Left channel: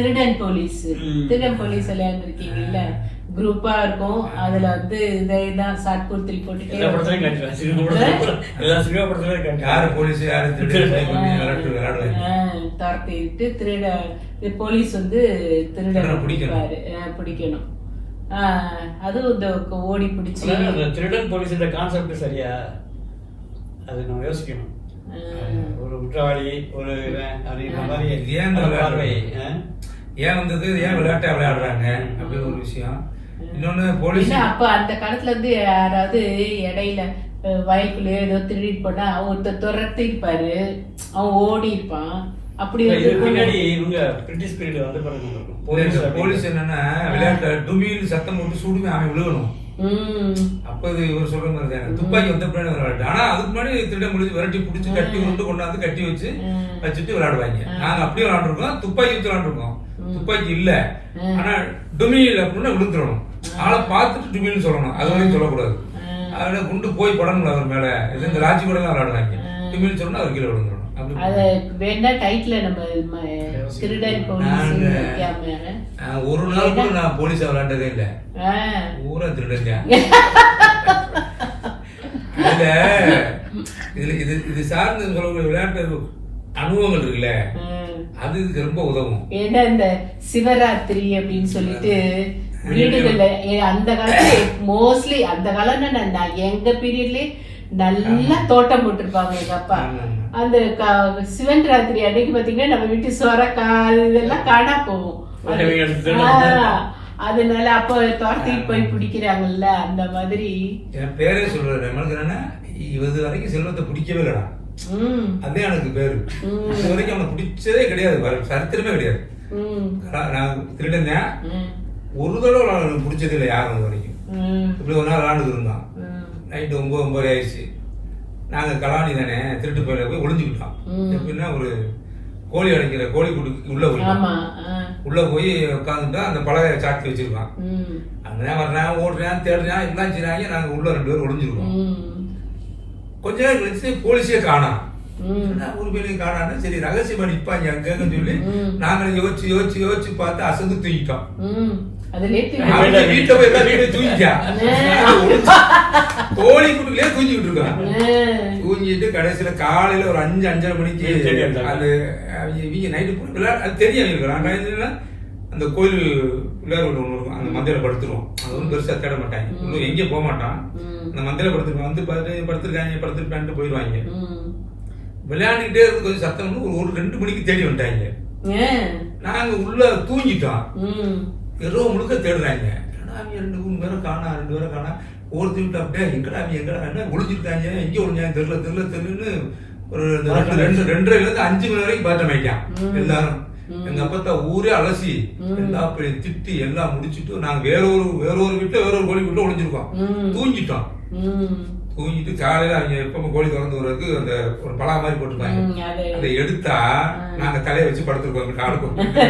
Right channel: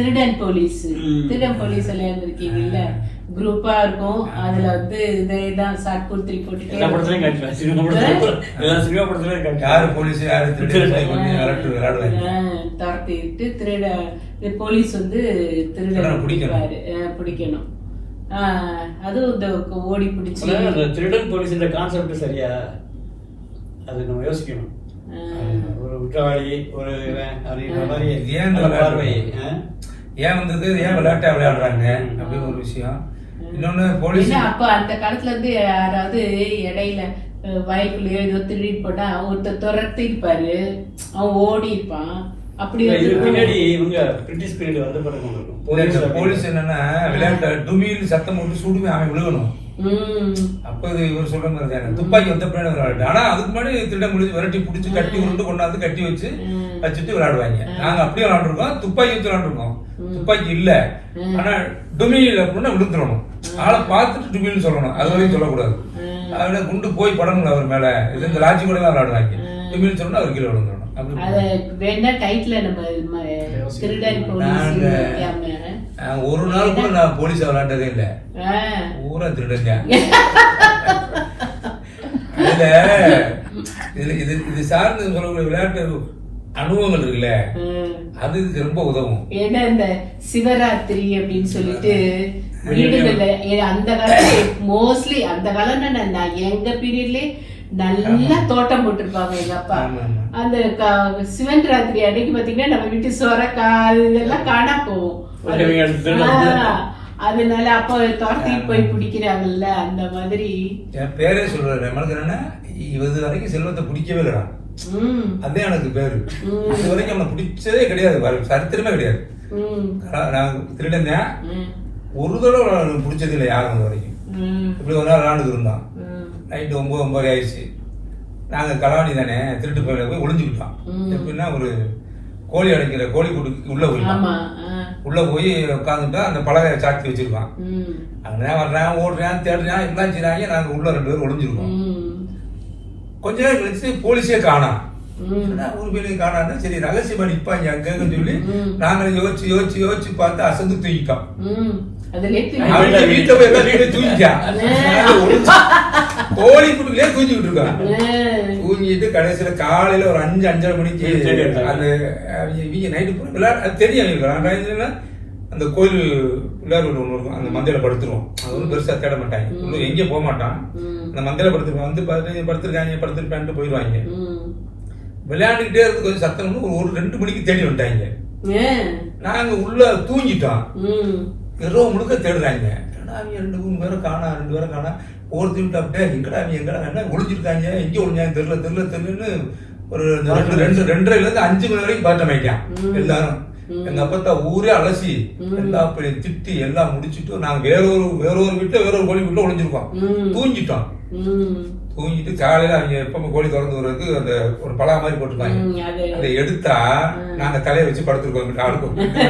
திருடன் போலீஸ். திருடன் போலீஸ் விளையாண்டுருக்கீங்கல்ல? குரூப்பா இருக்கும். அதுல வந்து இதை இதான் எல்லா படத்துலயும் போட்டு காட்டுவேன் சினிமா படத்துல. எல்லா சினிமா படத்துலயும் யாரு காட்டுவேன் போலீஸ் யாரு துரத்திட்டு திருட இந்த போலீஸ் வந்து திருடனை திருடனை பிடிக்கணும். அதுவும் இந்த ஓடி பிடிச்சி. திருடன் போலீஸ் இந்த கான்செப்ட் சரியா? அது நம்ம யோசிக்கணும். ஒரு குற்றவாளி ஒரு அப்படின்ற மாதிரி ஏன் பார்வை? ஏன் வந்தது? ஏன் விளையாட்டா விளையாடுறாங்க? அப்படின்னு ஒரு விஷயம். இன்னொன்னு போலீஸ் அப்ப அந்த காலத்துல இருந்து யாராவது இடையில அஹ், வயலுக்குள்ளேயோ ஏதோ திருடிட்டு போட்டா ஒருத்தர் துரத்தி இருப்பாரு. அவன் ஓடி இருப்பான். அப்படி பின்னாடி இவங்க பிரிட்டிஷ் பீரியட் வந்த போலீஸ் போலீஸ் என்னன்னா விளையாட்டு டுமியில் சத்தம் போட்டு சுடுமே அவன் விழுகணும். அப்ப இது இவர் சொல்ற மாதிரி தானே? துப்பாக்கி வந்த பின்னாடி விளையாட்டு ஆனா அதுக்கு முன்னாடி திருட முடிஞ்சு விரட்டி பிடிச்சி கட்டி உருண்டு கொண்டாந்து கட்டி வச்சு. வச்சுட்டு விளையாடுவாங்க. நாங்க அப்படியே விளையாண்டுருக்கோம். துப்பாக்கி வச்சு விளையாண்டுருக்கோம். துப்பாக்கி இல்ல. ஆனா டுமியில் அப்படின்னா விழுந்துடணும். ஆளை பார்த்துட்டு டுமில்னு சொல்லணும். அது வரைக்கும் சொல்லக்கூடாது. அதனால குண்டு போய் படணும் அவர் மேல. இது இந்த லாட்சி கூட தான் விளையாடுவாங்க டுமில் சொன்னா அவர் கீழே விழுந்துடணும். அத வேணா டைட்டில் நம்ம திருடன் போலீஸ் ஒரு நாள் கூட நான் போலீஸா விளையாண்டதே இல்ல. ஊரா திருடங்க. அதுல இதுல இது இது சார்ந்து சொல்லக்கூடிய விளையாட்டு அனுபவங்கள் இருக்குல்ல. அது ரொம்ப உதவும். ஏன்னா இந்த சிவராத்திரி அப்படின்னு சொல்லிட்டு வீடுகள்ல அந்த காலத்துல மோஸ்ட்லி அந்த காலம் நான் எங்க பீரியட்லயே நல்லா தோட்டம் போட்டிருப்பாங்க எங்க அப்பா. அந்த சிவன் ராத்திரி அன்னைக்கு பாத்தீங்கன்னா நம்ம வீட்டு சுரக்காய் இதெல்லாம் காணா. ஆ, அதனால அப்ப துரத்திட்டு போய் பிடிக்கிறாங்கல்ல அந்த மாதிரி. என் பேரே சொல்றாரு. நம்மளுக்கு இது வரைக்கும் செல்வத்தை பிடிக்கவே இல்லடா. அதே எனக்கு பேரு. இது வரைக்கும் அவனை பிடிச்சதே கிடையாது. சரித்திரமே கிடையாது. நான் நான் திருடன். தான். ம். ஒரு தடவை பிடிச்சது இல்லை யாரும் வரைக்கும். இப்படி ஒரு நாள் விளாண்டுக்கு இருந்தான். நைட்டு ஒன்பது ஒன்பது ஆயிடுச்சு. நாங்க கலாணி தானே திருட்டு போயில போய் ஒளிஞ்சுக்கிட்டோம். எப்படின்னா ஒரு கோழி அடைக்கிற கோழி கூட்டுக்கு உள்ள ஆ. உள்ள போய் உட்காந்துட்டா அந்த பலகை சாத்தி வச்சிருக்கான் அவன் வர்றான் ஓடுறான் தேடுறான் எல்லாம் செய்றாங்க. நாங்க உள்ள ரெண்டு பேரும் ஒளிஞ்சிருக்கோம். கொஞ்ச நேரம் கழிச்சு போலீஸே காணாம். ஒரு பேரையும் காணான்னு சரி ரகசியமா நிப்பாங்க அங்கன்னு சொல்லி ம். நாங்க யோசிச்சு யோசிச்சு யோசிச்சு பார்த்து அசந்து தூக்கிட்டோம் வீட்டுல போய் எல்லாம் ஒளிஞ்சு- கோழி குட்டுக்குள்ளே தூங்கிட்டு இருக்கான் தூங்கிட்டு கடைசியில காலையில ஒரு அஞ்சு அஞ்சரை மணிக்கு அஹ், இவங்க நைட்டு விளையாட அது தெரியும் அந்த கோயில் விளையாடு ஒன்று இருக்கும். அந்த மந்தையில படுத்துருவோம். அது ஒன்றும் பெருசா தேட மாட்டாங்க. இன்னும் எங்கேயும் போக மாட்டான். அந்த மந்தையில படுத்துருவாங்க வந்து பார்த்து படுத்திருக்காங்க படுத்திருப்பான்ட்டு போயிடுவாங்க. விளையாண்டுக்கிட்டே இருந்து கொஞ்சம் சத்தம் ஒரு ஒரு ரெண்டு மணிக்கு தேடி வந்துட்டாங்க. நாங்க உள்ள தூங்கிட்டோம். இரவு முழுக்க தேடுறாங்க. அவங்க ரெண்டு மூணு பேரை காணா ரெண்டு பேரை காணா ஒருத்தர் விட்டு அப்படியே எங்கடா அவங்க எங்கடா என்ன ஒளிஞ்சிருக்காங்க எங்க ஒளிஞ்சாங்க தெரியல தெரியல தெரியலன்னு ஒரு ரெண்டு ரெண்டு ரெண்டரைல இருந்து அஞ்சு மணி வரைக்கும் பாட்டம் ம். எல்லாரும். எங்க அப்பத்தா ஊரே அலசி. எல்லா பெரிய திட்டி எல்லாம் முடிச்சிட்டு நாங்க வேற ஒரு வேற ஒரு வீட்டுல வேற ஒரு கோழி வீட்டுல ஒளிஞ்சிருக்கோம் ம். தூங்கிட்டோம். தூங்கிட்டு காலையில அவங்க எப்ப கோழி திறந்து வர்றதுக்கு அந்த ஒரு பலா மாதிரி போட்டுருப்பாங்க அது. எடுத்தா நாங்க தலையை வச்சு படுத்துருக்கோம் காலுக்கு.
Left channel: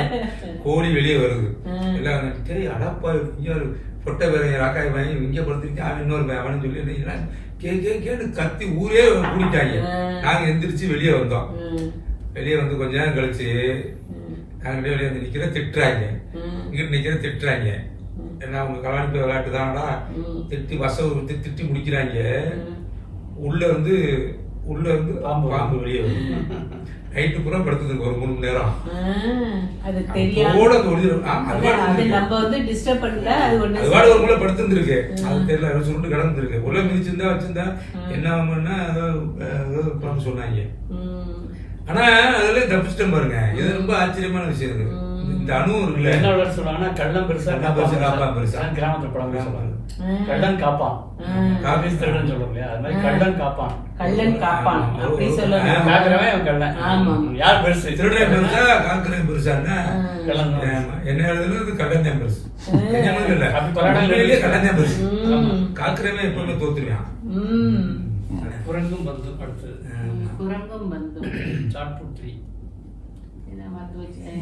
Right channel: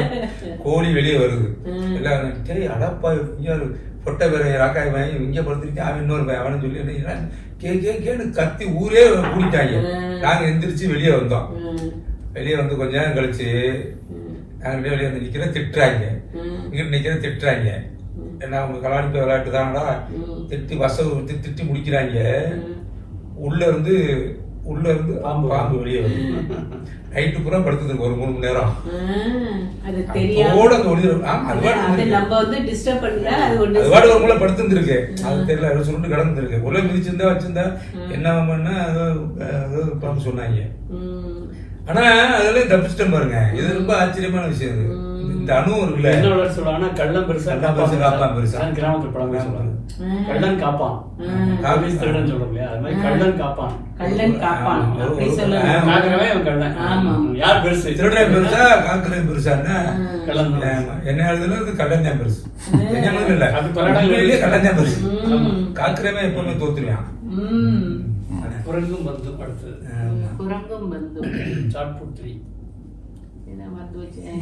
கோழி வெளியே வருது. எல்லாம் சரி அடப்பா இங்க ஒரு பொட்டை பேர் ராக்காய் பையன் இங்க படுத்துருக்கேன் அவன் இன்னொரு பையன் அவனு சொல்லி கே கே கேன்னு கத்தி ஊரே கூட்டிட்டாங்க ம். நாங்க எந்திரிச்சு வெளியே வந்தோம். வெளியே வந்து கொஞ்ச நேரம் கழிச்சு ம். நாங்க வெளியே வந்து நிக்கிற திட்டுறாங்க ம். இங்க நிக்கிற திட்டுறாங்க என்ன உங்க கலாணிப்பு விளையாட்டு தானடா. திட்டி வசவு விட்டு திட்டி முடிக்கிறாங்க. உள்ள இருந்து உள்ள இருந்து பாம்பு. பாம்பு வெளியே வருது நைட்டு பூரா படுத்ததுக்கு ஒரு மூணு மணி நேரம். அது தெரியாம. ஒளி ஆமா, அது பாட்டு அது இருக்கு. நம்ம வந்து டிஸ்டர்ப் பண்ணல அது ஒண்ணு அது பாட்டு ஒரு மூலை படுத்திருந்திருக்கு. அது தெரியல அது சுருண்டு கிடந்திருக்கு. உள்ள மிதிச்சிருந்தா வச்சிருந்தா என்ன பண்ணா பண்ண சொன்னாங்க. ஆனா அதெல்லாம் தப்பிச்சிட்டேன் பாருங்க. இது ரொம்ப ஆச்சரியமான விஷயம் இது. இந்த அணுவும் இருக்குல்ல? என்ன விளையாட்டு சொல்லுவாங்கன்னா கள்ளம் பெருசா கள்ளம் பெருசா, காப்பான் பெருசா. கிராமத்துல பழமொழி சொல்லுவாங்க. ம். கள்ளன் காப்பான். காவிஸ் திருடன் சொல்றோம் இல்லையா? அது மாதிரி கள்ளன் காப்பான். கள்ளன் காப்பான். காக்குறவன் அவன் கள்ளன். யார் பெருசு? திருடன் பெருசா காக்கரையும் பெருசான்னா கள்ளன் தான். ஆமா. என்ன எழுதுல இது கள்ளன் தான் பெருசு. என்ன இல்ல அப்படி பல இடங்கள்ல கள்ளன் தான் பெருசு. காக்கிறவன் எப்பவுமே தோத்துருவான். ம். குரங்கும் வந்து அடுத்தது. குரங்கும் என்ன மறந்து வச்சேன்.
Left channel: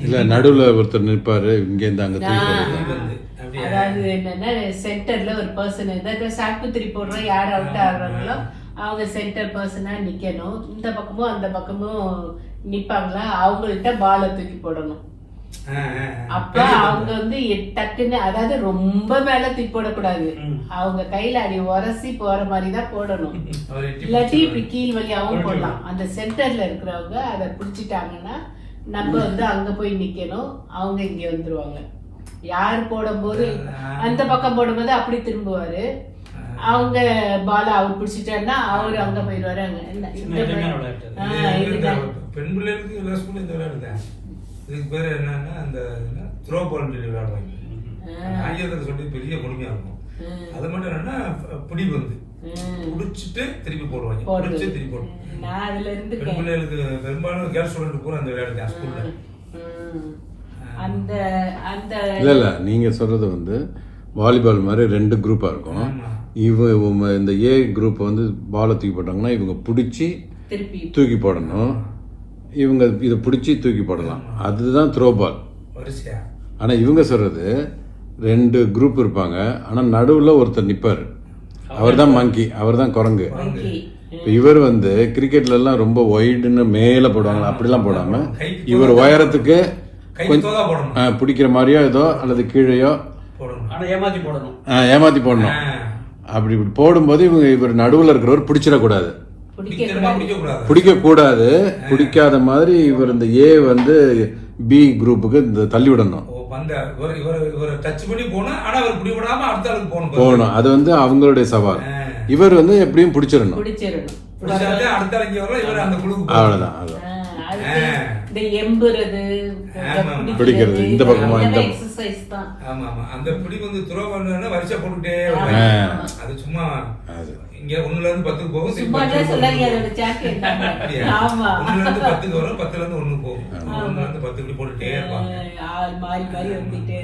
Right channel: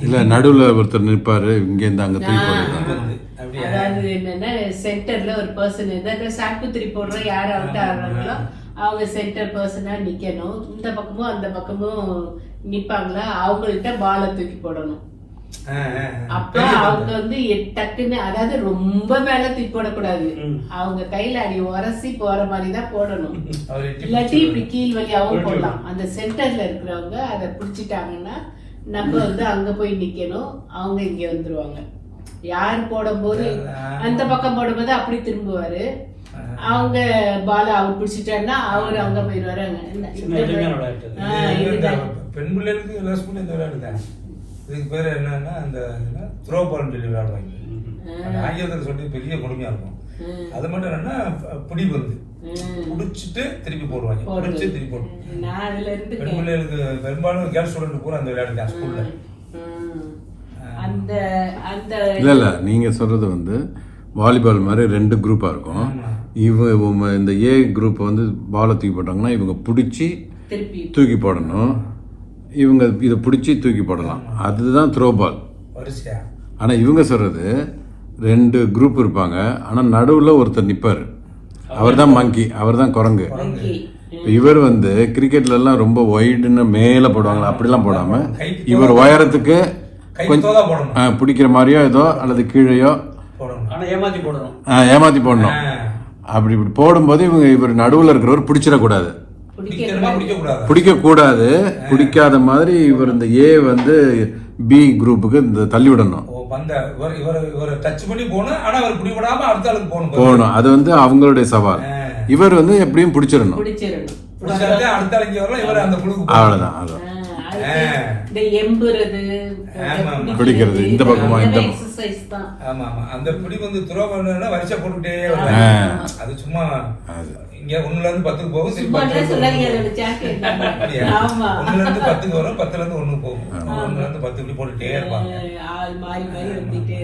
இல்ல நடுவுல ஒருத்தர் நிற்பாரு இங்க இருந்து அங்க? அதாவது என்னன்னா சென்டர்ல ஒரு பர்சன் ஏதாவது சாக்குத்திரி போடுற யார் அவுட் ஆடுறாங்களோ அவங்க சென்டர் பர்சனா நிக்கணும். இந்த பக்கமும் அந்த பக்கமும் நிப்பாங்களா? அவங்கள்ட்ட பாலை தூக்கி போடணும். அப்ப அவங்க. வந்து எ- டக்குன்னு அதாவது ரொம்ப மேல தூக்கி போடக்கூடாது. அவங்க கையில அடி உரசி போற மாதிரி தான் போடணும். இல்லாட்டி இப்படி கீழ் உருட்டி போடலாம். அந்த சென்டர்ல இருக்கிறவங்க அதை பிடிச்சிட்டாங்கன்னா நம்ம வந்து அங்க போய் நிக்கணும். அவங்க இங்க வந்துருவாங்க. யார் போடும்போது அந்த பக்கம் போடும்போது அப்படி திரும்புவாரு. அவங்க பால அவர் பிடிச்சிட்டாருன்னா அவர் அங்க போயிடுவாரு. பெண் பிள்ளைகளுக்கு எல்லா ஸ்கூல்ல இந்த விளையாட்டு தான். இதுக்கு பேர் என்னன்னா அந்த த்ரோ பால் சொல்லி விளையாடுவாங்க. ஆங்கிலத்தில் சொல்லி பெரிய கொடுமையா இருக்கும். அது மட்டும் என்னன்னா ப- புடிச்சிட்டு திருப்பி போடுவாங்க. புடிச்சு திருப்பி போடுவாங்க நான் அதுல இருந்து பெண் பிள்ளைகளுக்கு பெரும்பாலும் கேர்ள் ஸ்டூடெண்ட் பூரா அந்த விளையாட்டு தான் ஸ்கூல்ல. ம். அந்த அந்த இல்ல இல்ல. நீங்க சொல்றது வந்து வாலிபால் மாதிரி ரெண்டு குரூப்பா இருக்கும். இவங்க இந்த ஏ குரூப் வந்து பாலை தூக்கி போட்டாங்கன்னா இவங்க பிடிச்சி திருப்பி. தூக்கி போடணும். இவங்க இதை பிடிச்சி தூக்கி போடணும் அதுதான் த்ரோ பால் வரிசையா? ஆனா இவங்க சொல்றது ரெண்டு குரூப் இருப்பாங்க. ஆனா நடுவுல ஒருத்தர் நிப்பாரு. அவர் தான் மங்கி அவர் தான் குரங்கு இவர் வந்து கிரிக்கெட்ல எல்லாம் ரொம்ப ஒயிடுன்னு மேல போடுவாங்க. அப்படிலாம் போடாம இவர் உயரத்துக்கு பிடிக்கிற மாதிரியோ ஏதோ அல்லது கீழேயோ போடணும். ஆனா ஏமாத்தி போடணும். ஏமாத்தி போடணும். அப்படி போடும்போது இவங்க இவர் நடுவுல இருக்கிறவர் பிடிச்சிடக்கூடாது. பிடிக்க கூடாது. பிடிக்காத மாதிரி இவர் இந்த ஏ வந்து பி குரூப்புக்கு இந்த தள்ளி விடணும். ஓ பந்த இவர் இவர் இவர் டச் பண்ணி போகணும் ஆனா அவர் பிடி விடாம அடுத்த ஆளுக்கு போகணும் அது வந்து அவங்களுடைய சவால். இவர் வந்து எப்படியும் பிடிச்சிடணும். பிடிச்சிடணும். அடுத்த ஆளுக்கு வரலாம் இவர் அந்த குழுக்கு போகணும். இந்த எம்புறது. பிடிக்கிறது, இந்த பக்கம் இந்த பக்கம். எக்ஸசைஸ் தான். ஆமா ஆமா. அந்த பிடி வந்து துரோ பண்ணா வரிசை போட்டுட்டே. அது சும்மா இங்க ஒண்ணுல இருந்து பத்துக்கு போகும் ஒண்ணுல இருந்து பத்துக்கு வரும் பத்துல இருந்து ஒண்ணுக்கு போகும். ஒண்ணுல இருந்து பத்து இப்படி போட்டுட்டே இருப்பாங்க. ஆள் மாறி மாறி வந்துட்டு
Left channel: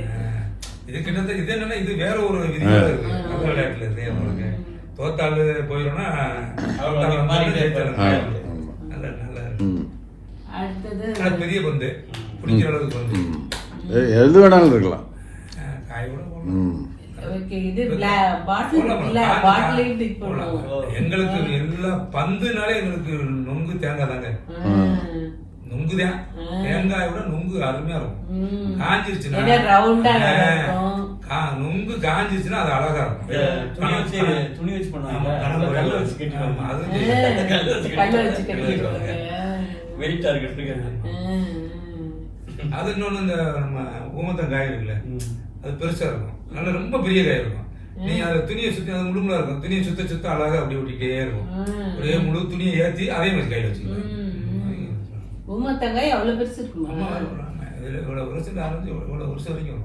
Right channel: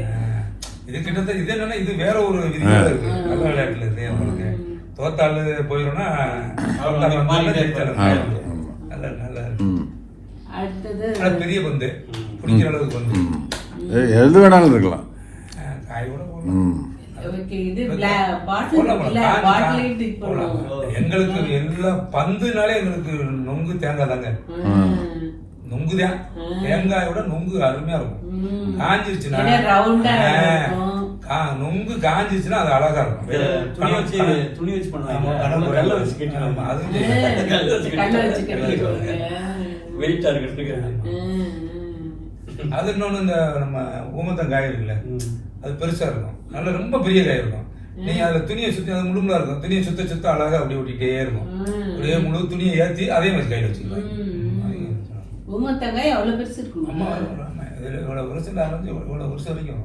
இது கிட்டத்தட்ட இது என்னன்னா இது வேற ஒரு விதியோட இருக்கு. அந்த விளையாட்டுல இருந்து உங்களுக்கு தோத்தாள் போயிடும்னா பெரிய பந்து. பிடிக்கிற அளவுக்கு பந்து. எது வேணாலும் இருக்கலாம். காய் கூட போடலாம். எங்களுக்கு எல்லா பந்துனாலே எங்களுக்கு நொங்கு தேங்காய் தாங்க. ம். நொங்கு தான் தேங்காயோட நொங்கு அருமையா இருக்கும். காஞ்சிருச்சுன்னா நொங்கு காஞ்சிருச்சுன்னா அது அழகா இருக்கும். துணி வச்சு துணி வச்சு பண்ணுவாங்க. வெள்ளை வச்சு கட்டிடுவாங்க. அது. வெயிட்டா இருக்கிறதுக்கு. ம். அது இன்னொன்னு இந்த நம்ம ஊமத்தம் காய் இருக்குல்ல. அது பெருசா இருக்கும். நல்ல ரொம்ப பெரிய காய் இருக்கும். நீங்க அதுல துணியை சுத்தி அது முழுமுலா இருக்கும். துணியை சுத்த சுத்த அழகா அப்படி ஒட்டிக்கிட்டே இருக்கும். அப்படியே முழு துணியை ஏத்தி அதே மாதிரி கையில வச்சுக்கலாம். ஊமத்தங்காய் அவ்வளவு பெருசு இருக்குமா? இவ்வளவு வருஷம் ஆரம்பிச்சு இவ்வளவு வருஷம் வரைக்கும்.